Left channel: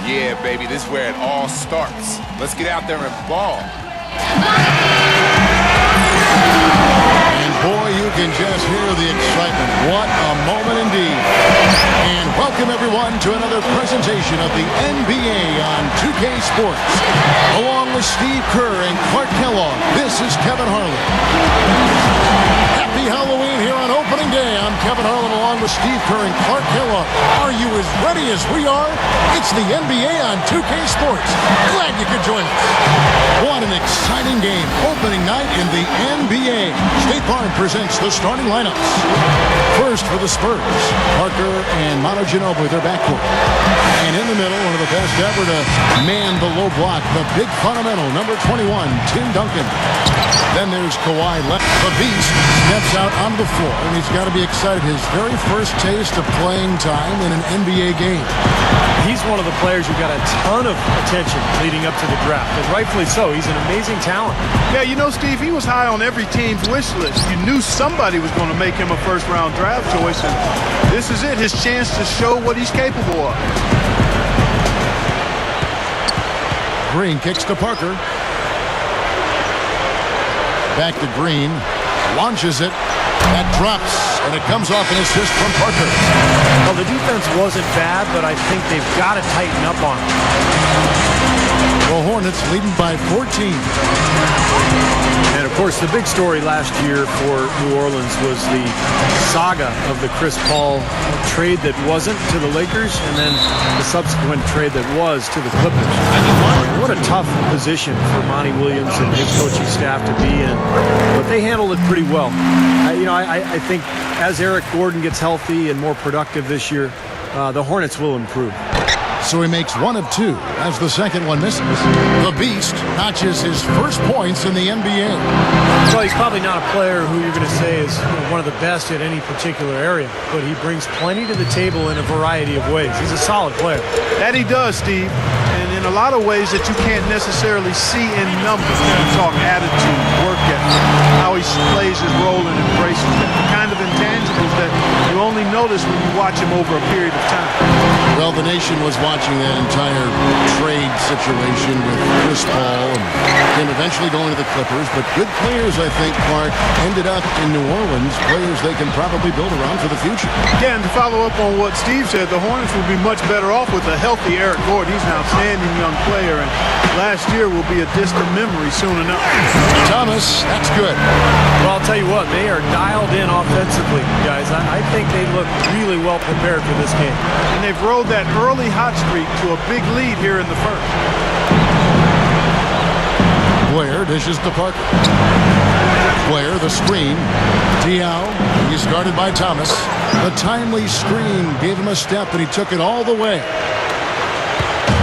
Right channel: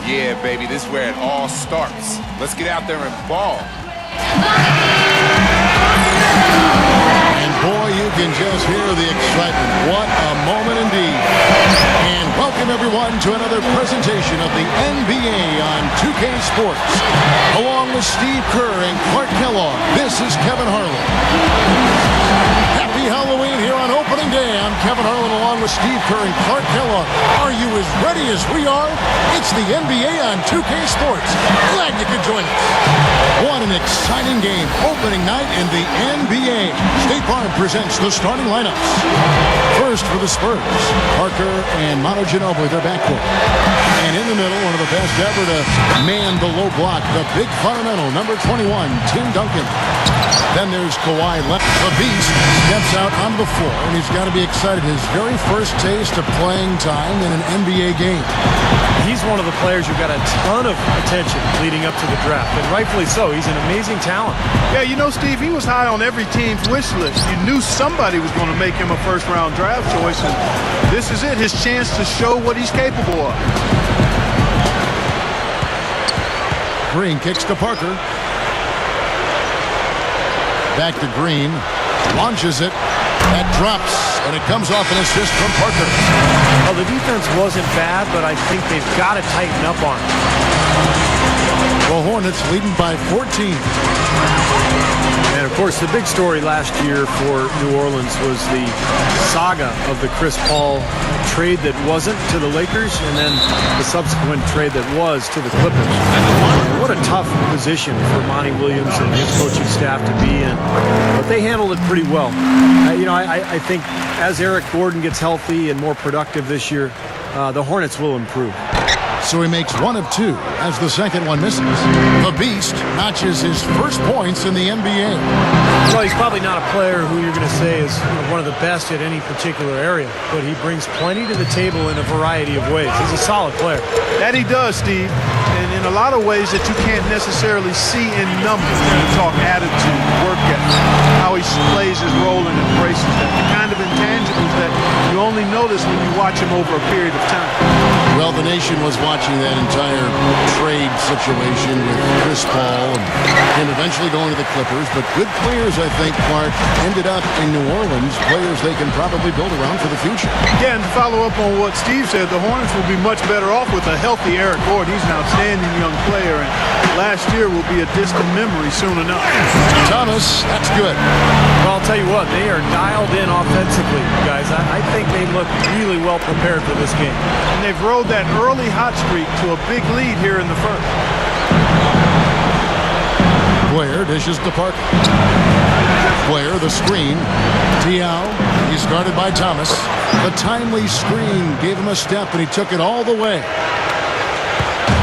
Yeah, baby, this is where it all starts. Let's get out there and ball. And boy, you can just hear the excitement. What a moment indeed. And welcome everyone to another presentation of the NBA on 2K Sports. Along with Steve Kerr and Clark Kellogg, this is Kevin Harlan. Happy Halloween here on opening day. I'm Kevin Harlan along with Steve Kerr and Clark Kellogg. Are you as ready as we are? It's the NBA on 2K Sports. Glad you could join us. What an exciting game. Opening night in the NBA. State Farm presents the starting lineups. First for the Spurs, Parker and Manu Ginobili, their backcourt. And in the middle, one of the best ever to man the low block, the big fundamental, number 21, Tim Duncan. Then there's Kawhi Leonard. The Beast steps out onto the floor, and he's got to be excited. His very first taste of playing time in an NBA game. He's one of the players who got a ton of attention leading up to the draft, and rightfully so. He's an amazing talent. Yeah, you know, Steve, he was high on every team's wish list. You knew somebody was going to make him a first-round draft choice, and this is it, his chance to show what he's capable of. Green kicks to Parker. Back to Green. Launches it. That drops, and it comes off an assist from Parker. Well, the defense wasn't bad, but I think they've got to tighten up on it. The Hornets leading by 14. And, of course, the big story last year for New Orleans was the saga of the Chris Paul trade that wasn't to the Lakers and then the subsequent trade that was to the Clippers. And what a tough position for Monty Williams and his coaching staff to be in. But they handled it pretty well. I think as Eric Gordon gets healthy and more productive this year, the Hornets will improve. So he makes one of two as the second one misses. The Beast notches his first points in the NBA. So he's probably not a player who you're going to say is one of the best at any particular area, but he brings plenty to the table in a variety of ways. He's a solid player. That he does, Steve, and in a lot of ways that you can't necessarily see in numbers when you talk attitude, work ethic, how he plays his role and embraces that, the kind of intangibles that you only notice when you watch him over a period of time. Well, the nation was watching that entire trade situation with Chris Paul and him eventually going to the Clippers. But good players, I think, Clark, ended up in New Orleans, players they can probably build around for the future. Yeah, and to follow up on what Steve said, the Hornets will be much better off with a healthy Eric Gordon. He's an outstanding young player, and last year will be a distant memory soon enough. Thomas, that's good. Well, I'll tell you what, they are dialed in offensively, guys. I think they look really well prepared for this game. And they've rode that early hot streak to a big lead here in the first. Blair dishes to Parker. Blair, the screen. Diaw, he's guarded by Thomas. The timely screen gave him a step, and he took it all the way.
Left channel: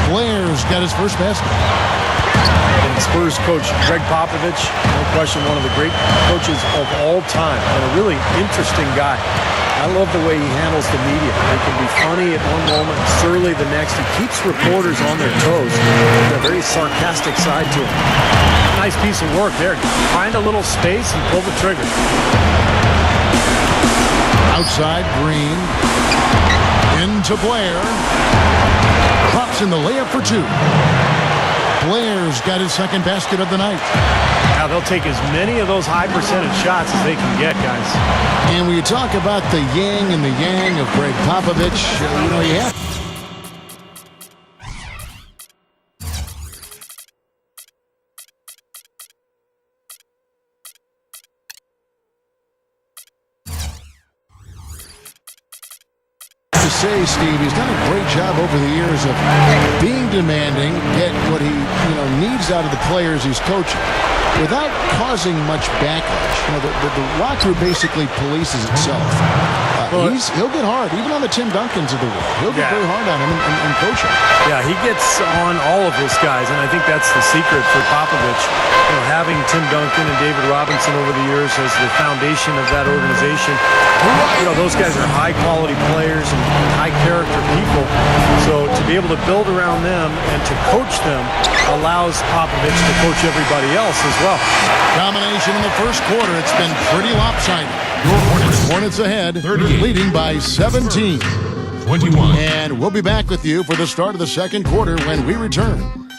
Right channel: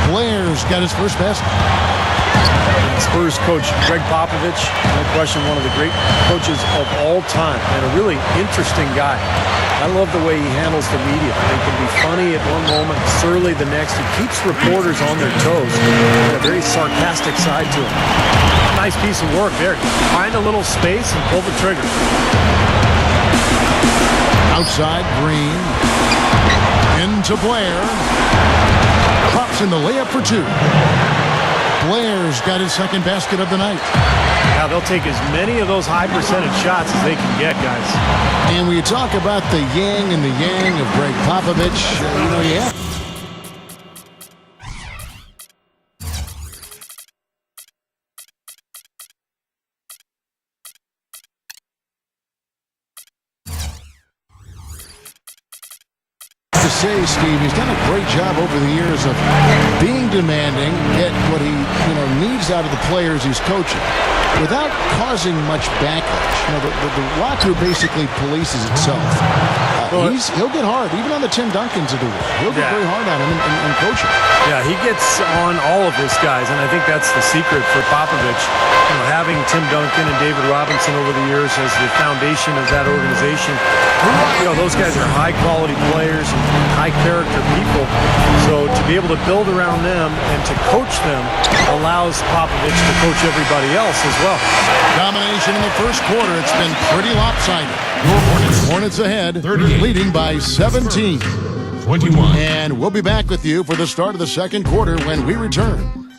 Blair's got his first basket. And Spurs coach Greg Popovich, no question one of the great coaches of all time, and a really interesting guy. I love the way he handles the media. He can be funny at one moment, surly the next. He keeps reporters on their toes. Got a very sarcastic side to him. Nice piece of work there. Find a little space and pull the trigger. Outside, Green. Into Blair. Drops in the layup for two. Blair's got his second basket of the night. Now they'll take as many of those high percentage shots as they can get, guys. And when you talk about the yin and the yang of Greg Popovich, you have to say, Steve, he's done a great job over the years of being demanding, get what he needs out of the players he's coaching, without causing much backlash. The locker room basically polices itself. He'll get hard, even on the Tim Duncans of the world. He'll get very hard on him and coach him. Yeah, he gets on all of his guys, and I think that's the secret for Popovich. Having Tim Duncan and David Robinson over the years as the foundation of that organization. Those guys are high-quality players and high-character people. So to be able to build around them and to coach them allows Popovich to coach everybody else as well. Domination in the first quarter. It's been pretty lopsided. Hornets ahead, leading by 17. 21. And we'll be back with you for the start of the second quarter when we return.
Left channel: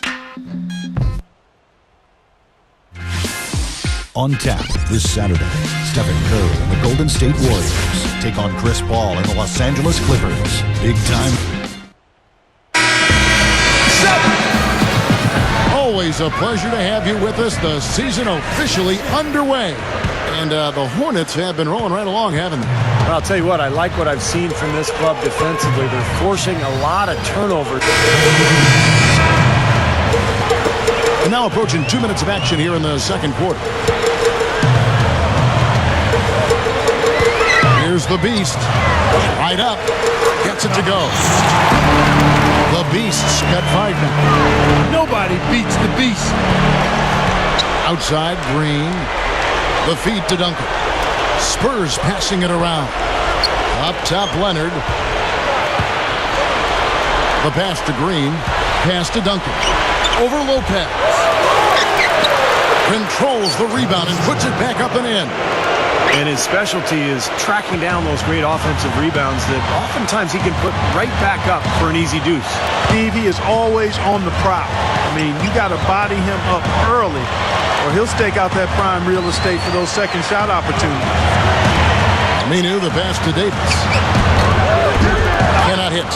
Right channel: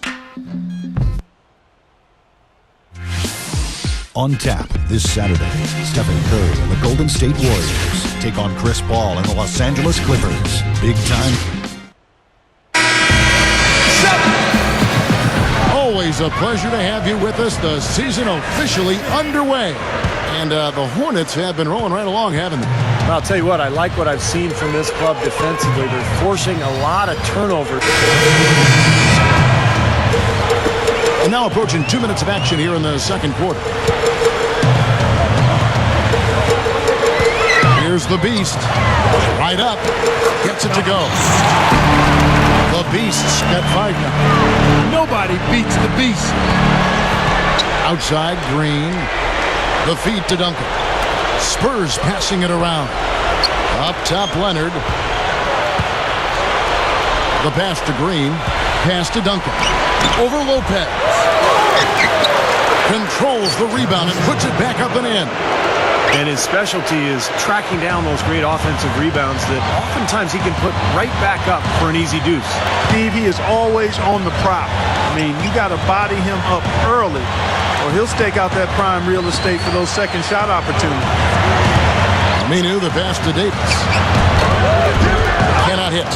On tap this Saturday, Stephen Curry and the Golden State Warriors take on Chris Paul and the Los Angeles Clippers. Big time. Always a pleasure to have you with us. The season officially underway. And the Hornets have been rolling right along, haven't they? Well, I'll tell you what, I like what I've seen from this club defensively. They're forcing a lot of turnovers. And now approaching 2 minutes of action here in the second quarter. Here's the Beast. Right up. Gets it to go. The Beast's got 5 now. Nobody beats the Beast. Outside, Green. The feed to Duncan. Spurs passing it around. Up top, Leonard. The pass to Green. Pass to Duncan. Over Lopez. Controls the rebound and puts it back up and in. And his specialty is tracking down those great offensive rebounds that oftentimes he can put right back up for an easy deuce. Steve, he is always on the prowl. I mean, you got to body him up early, or he'll stake out that prime real estate for those second shot opportunities. Aminu, the pass to Davis. Cannot hit.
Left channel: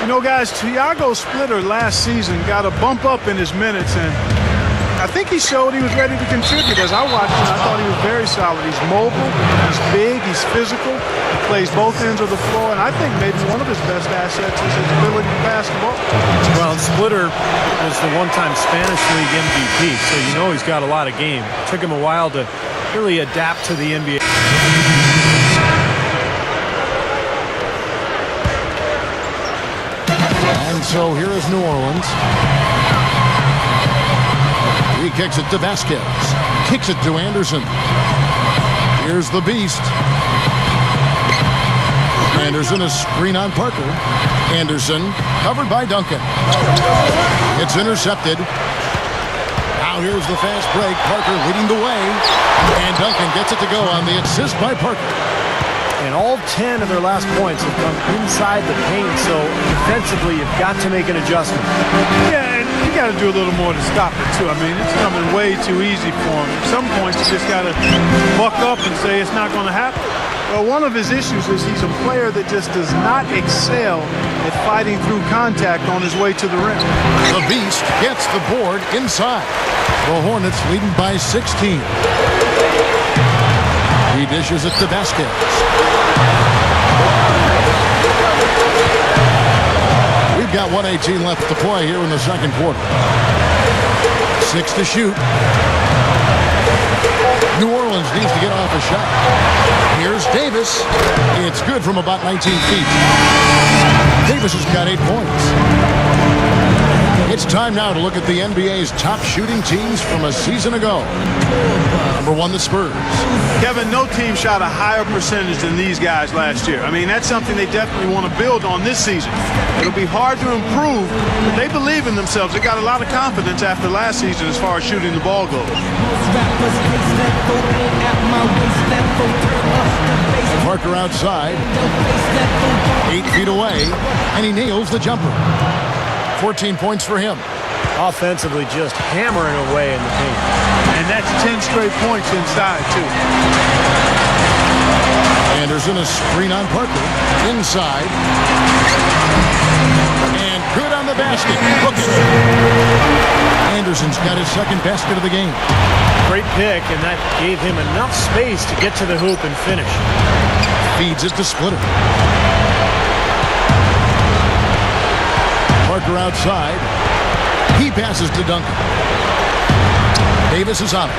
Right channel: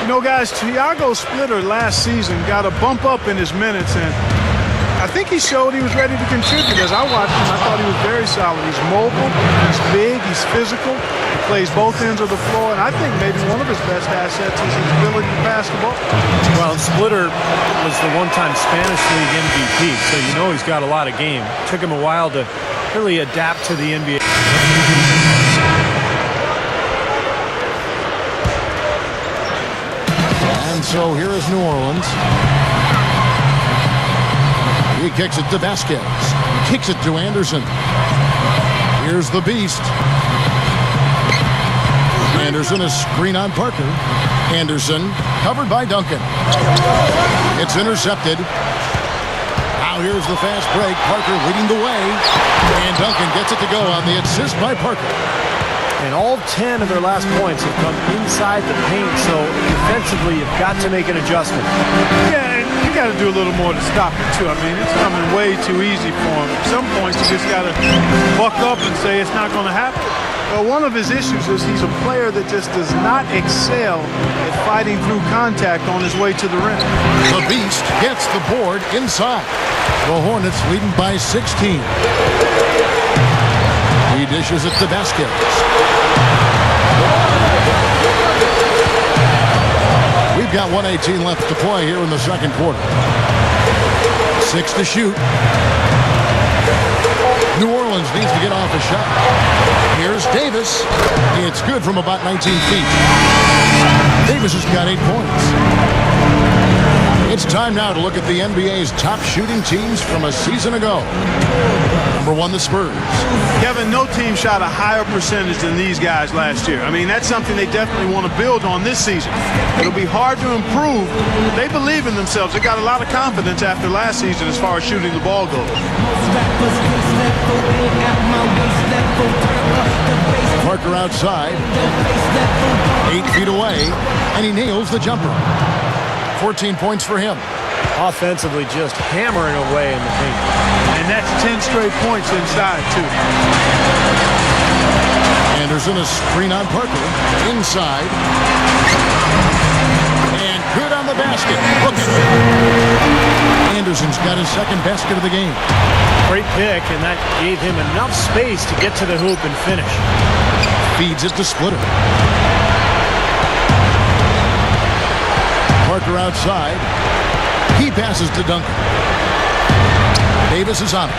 You know, guys, Thiago Splitter last season got a bump up in his minutes, and I think he showed he was ready to contribute. As I watched him, I thought he was very solid. He's mobile, he's big, he's physical, he plays both ends of the floor, and I think maybe one of his best assets is his ability to pass the ball. Well, Splitter was the one-time Spanish League MVP, so you know he's got a lot of game. It took him a while to really adapt to the NBA. And so here is New Orleans. He kicks it to Vasquez. Kicks it to Anderson. Here's the Beast. Anderson, a screen on Parker. Anderson covered by Duncan. It's intercepted. Now here's the fast break. Parker leading the way. And Duncan gets it to go on the assist by Parker. And all 10 of their last points have come inside the paint, so defensively you've got to make an adjustment. Yeah, and you got to do a little more to stop it, too. I mean, it's coming way too easy for him. At some points, you just got to buck up and say it's not going to happen. Well, one of his issues is he's a player that just does not excel at fighting through contact on his way to the rim. The Beast gets the board inside. The Hornets leading by 16. He dishes it to Vasquez. We've got 1:18 left to play here in the second quarter. 6 to shoot. New Orleans needs to get off a shot. Here's Davis. It's good from about 19 feet. Davis has got 8 points. It's time now to look at the NBA's top shooting teams from a season ago. Number 1, the Spurs. Kevin, no team shot a higher percentage than these guys last year. I mean, that's something they definitely want to build on this season. It'll be hard to improve, but they believe in themselves. They got a lot of confidence after last season as far as shooting the ball goes. Parker outside. 8 feet away, and he nails the jumper. 14 points for him. Offensively, just hammering away in the paint. And that's 10 straight points inside, too. Anderson, a screen on Parker. Inside. And good on the basket. Book it. Anderson's got his second basket of the game. Great pick, and that gave him enough space to get to the hoop and finish. Feeds it to Splitter. Parker outside. He passes to Duncan. Davis is on it.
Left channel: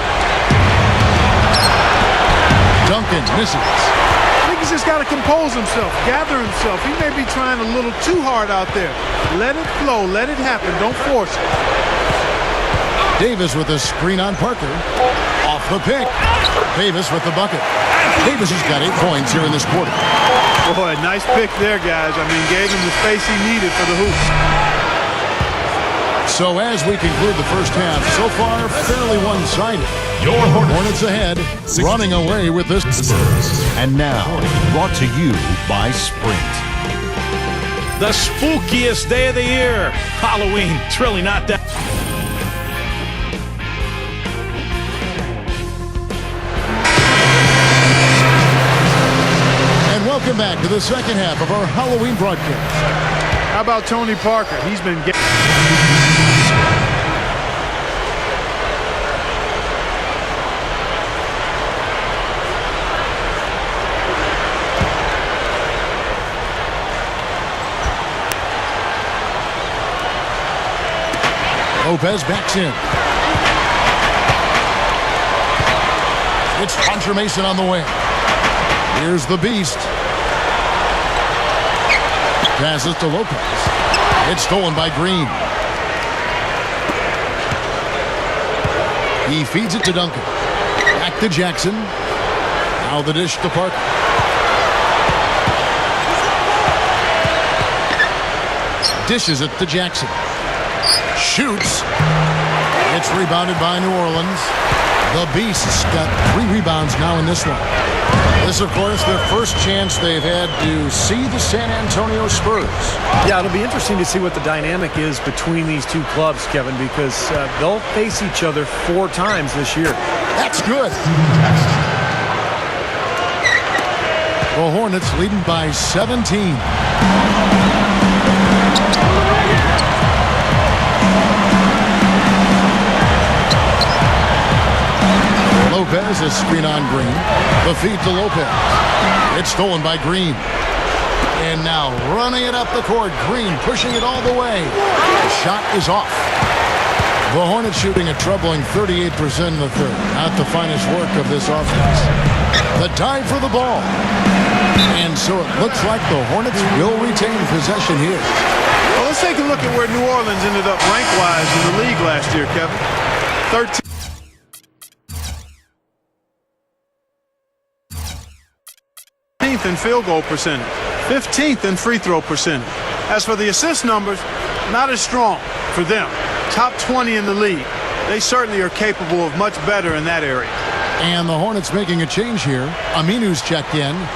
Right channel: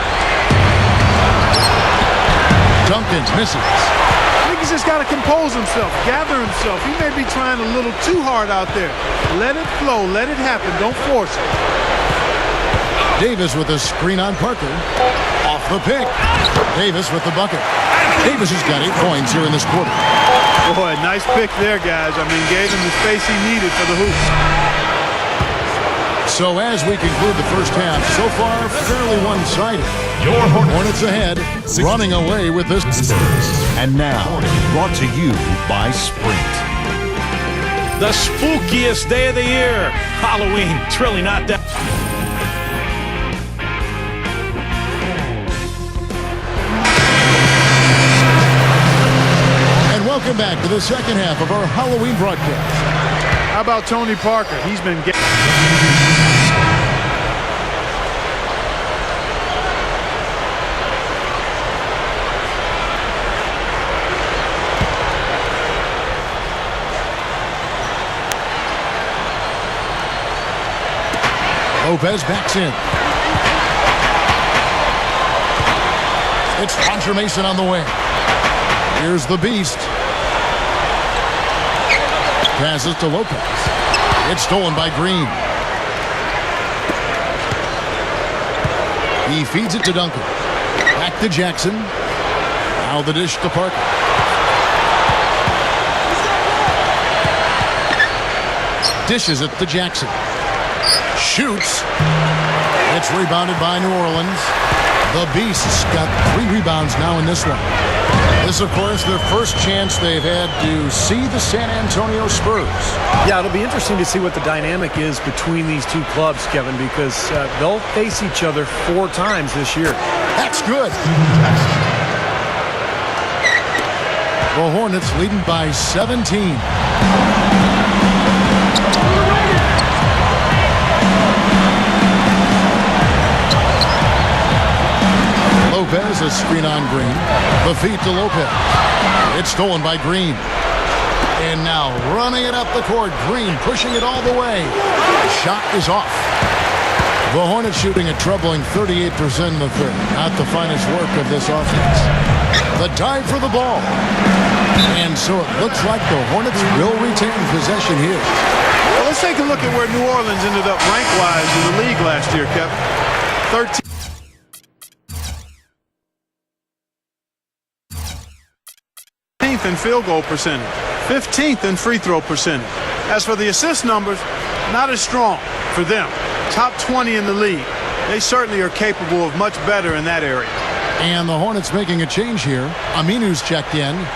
Duncan misses. I think he's just got to compose himself, gather himself. He may be trying a little too hard out there. Let it flow. Let it happen. Don't force it. Davis with a screen on Parker. Off the pick. Davis with the bucket. Davis has got 8 points here in this quarter. Boy, nice pick there, guys. I mean, gave him the space he needed for the hoop. So as we conclude the first half, so far fairly one-sided. Hornets ahead, running away with this. And now, brought to you by Sprint. The spookiest day of the year. Halloween. It's really not that. And welcome back to the second half of our Halloween broadcast. How about Tony Parker? He's been getting... Lopez backs in. It's Hunter Mason on the wing. Here's the Beast. Passes to Lopez. It's stolen by Green. He feeds it to Duncan. Back to Jackson. Now the dish to Parker. Dishes it to Jackson. Shoots. It's rebounded by New Orleans. The Beasts got 3 rebounds now in this one. This, of course, their first chance they've had to see the San Antonio Spurs. Yeah, it'll be interesting to see what the dynamic is between these two clubs, Kevin, because they'll face each other 4 times this year. That's good. The Hornets leading by 17. Lopez, a screen on Green. The feed to Lopez. It's stolen by Green. And now running it up the court. Green pushing it all the way. The shot is off. The Hornets shooting a troubling 38% in the third. Not the finest work of this offense. The dive for the ball. And so it looks like the Hornets will retain possession here. Well, let's take a look at where New Orleans ended up rank-wise in the league last year, Kevin. 13th in field goal percentage, 15th in free throw percentage. As for the assist numbers, not as strong for them. Top 20 in the league. They certainly are capable of much better in that area. And the Hornets making a change here. Aminu's checked in.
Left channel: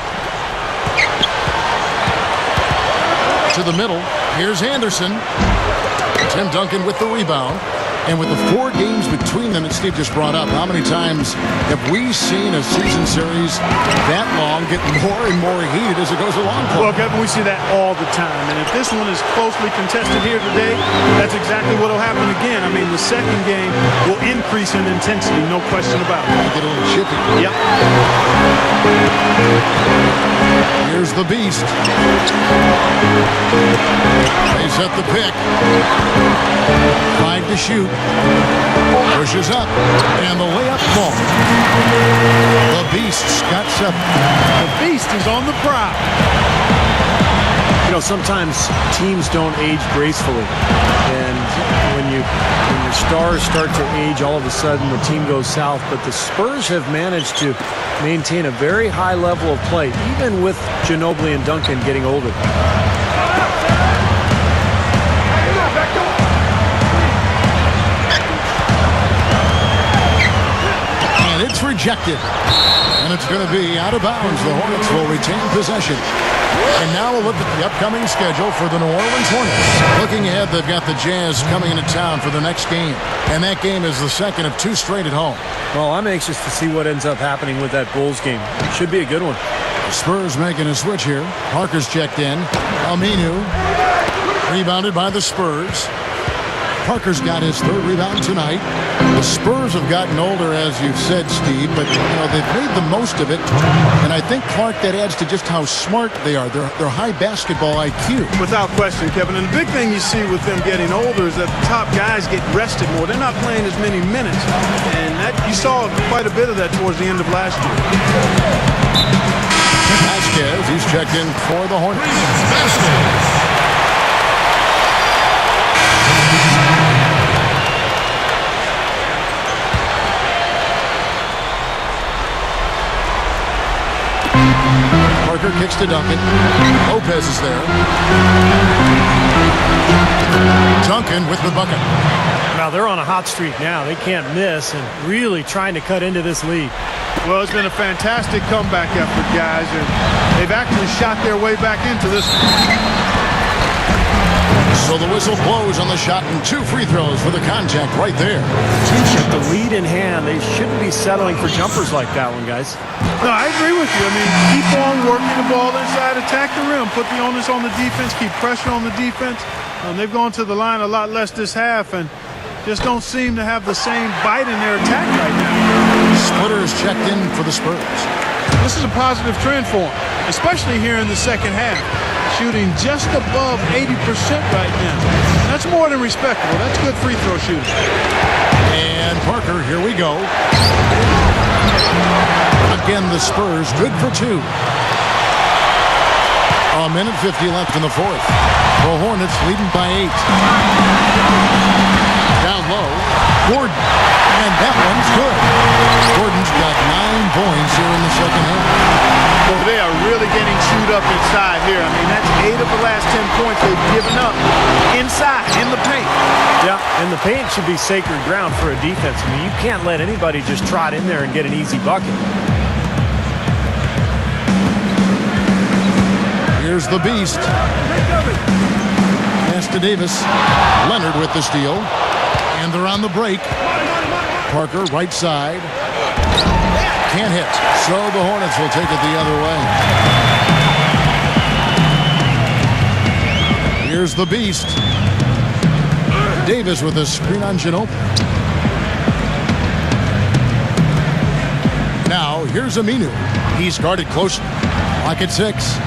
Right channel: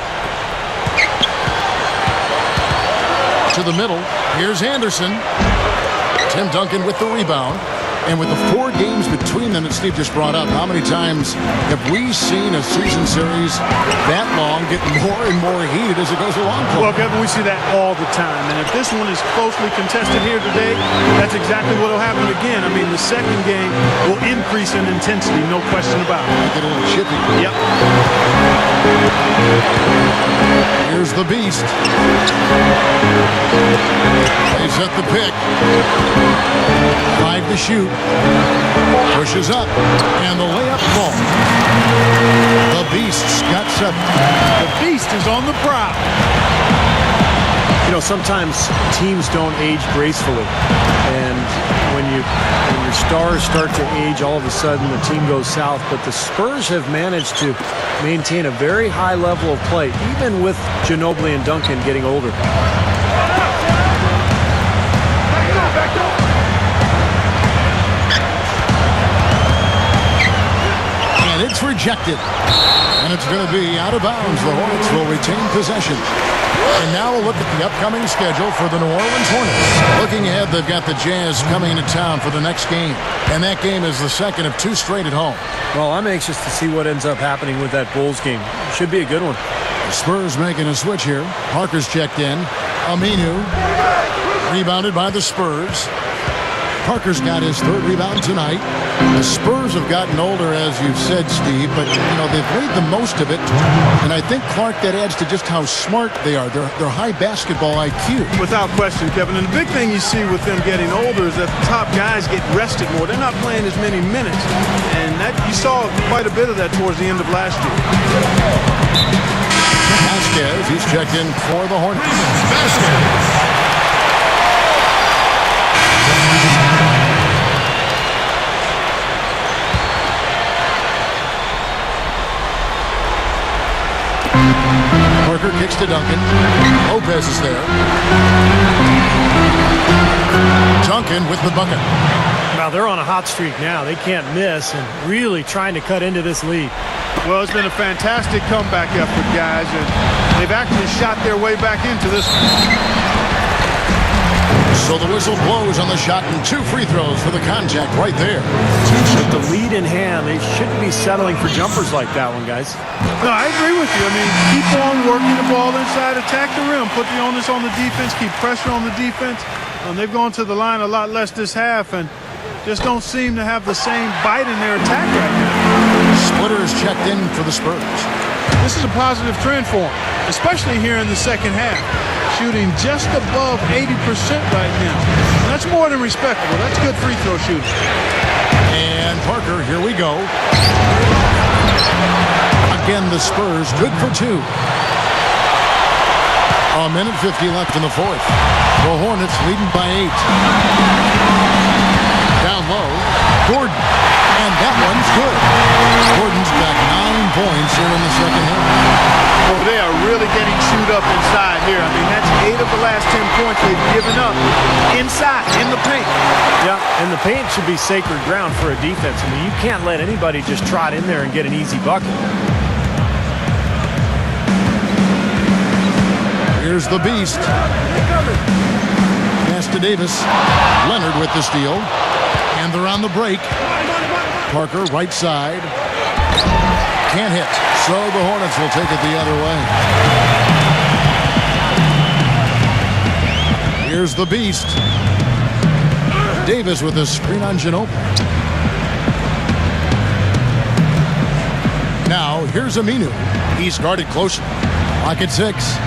To the middle. Here's Anderson. Tim Duncan with the rebound. And with the 4 games between them that Steve just brought up, how many times have we seen a season series that long get more and more heated as it goes along? Well, Kevin, we see that all the time. And if this one is closely contested here today, that's exactly what will happen again. I mean, the second game will increase in intensity, no question about it. Might get a little chippy. Yep. Here's the Beast. They set the pick. 5 to shoot. Pushes up. And the layup falls. The Beasts got 7. The Beast is on the prowl. You know, sometimes teams don't age gracefully. And when your stars start to age, all of a sudden the team goes south. But the Spurs have managed to maintain a very high level of play, even with Ginobili and Duncan getting older. And it's rejected. And it's going to be out of bounds. The Hornets will retain possession. And now we'll look at the upcoming schedule for the New Orleans Hornets. Looking ahead, they've got the Jazz coming into town for the next game. And that game is the second of 2 straight at home. Well, I'm anxious to see what ends up happening with that Bulls game. It should be a good one. The Spurs making a switch here. Parker's checked in. Aminu rebounded by the Spurs. Parker's got his 3rd rebound tonight. The Spurs have gotten older, as you've said, Steve, but, you know, they've made the most of it. And I think, Clark, that adds to just how smart they are. They're high basketball IQ. Without question, Kevin. And the big thing you see with them getting older is that the top guys get rested more. They're not playing as many minutes. And that you saw quite a bit of that towards the end of last year. Vasquez, he's checked in for the Hornets. Parker kicks to Duncan. Lopez is there. Duncan with the bucket. Now they're on a hot streak now. They can't miss and really trying to cut into this lead. Well, it's been a fantastic comeback effort, guys, and they've actually shot their way back into this one. So the whistle blows on the shot and 2 free throws for the contact right there. With the lead in hand, they shouldn't be settling for jumpers like that one, guys. No, I agree with you. I mean, keep on working the ball inside, attack the rim, put the onus on the defense, keep pressure on the defense. They've gone to the line a lot less this half and just don't seem to have the same bite in their attack right now. Splitters checked in for the Spurs. This is a positive trend for them, especially here in the second half. Shooting just above 80% right now. That's more than respectable. That's good free throw shooting. And Parker, here we go. Again, the Spurs good for 2. A minute 50 left in the fourth. The Hornets leading by 8. Down low, Gordon. And that one's good. Gordon's got 9 points here in the second half. Boy, they are really getting chewed up inside here. I mean, that's 8 of the last 10 points they've given up inside, in the paint. Yeah, and the paint should be sacred ground for a defense. I mean, you can't let anybody just trot in there and get an easy bucket. Here's the beast. Pass to Davis. Leonard with the steal. And they're on the break. Parker, right side. Can't hit. So the Hornets will take it the other way. Here's the beast. Davis with a screen on Ginobili. Now, here's Aminu. He's guarded closely. Clock at 6.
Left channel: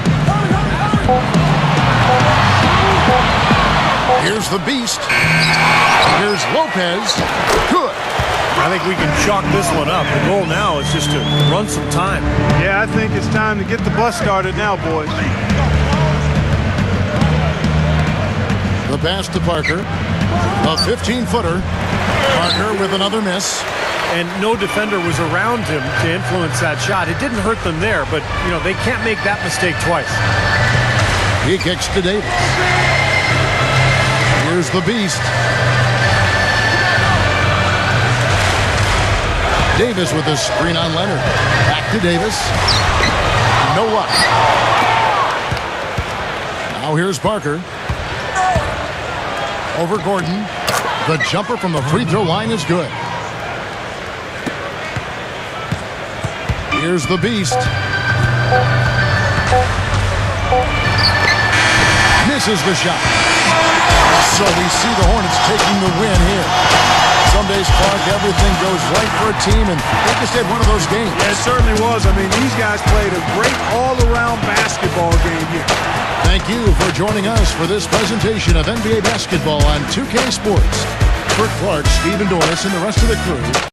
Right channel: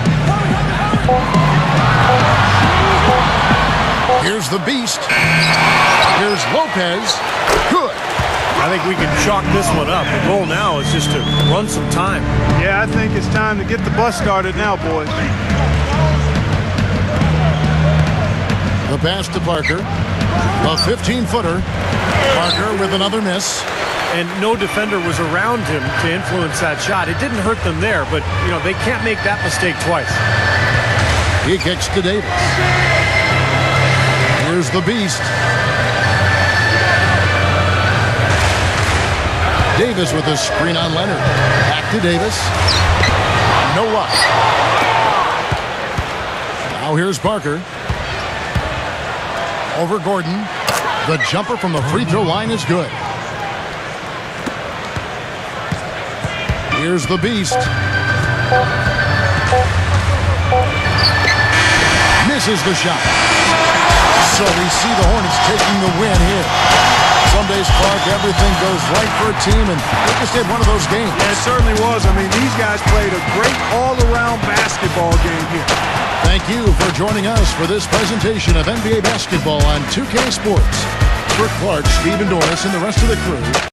Here's the beast. Here's Lopez. Good. I think we can chalk this one up. The goal now is just to run some time. Yeah, I think it's time to get the bus started now, boys. The pass to Parker. A 15-footer. Parker with another miss. And no defender was around him to influence that shot. It didn't hurt them there, but, you know, they can't make that mistake twice. He kicks to Davis. Here's the beast. Davis with a screen on Leonard. Back to Davis. No luck. Now here's Parker. Over Gordon. The jumper from the free throw line is good. Here's the beast. Misses the shot. So we see the Hornets taking the win here. Some days, Clark, everything goes right for a team, and they just had one of those games. Yeah, it certainly was. I mean, these guys played a great all-around basketball game here. Thank you for joining us for this presentation of NBA basketball on 2K Sports. For Clark, Steve, and Doris, and the rest of the crew,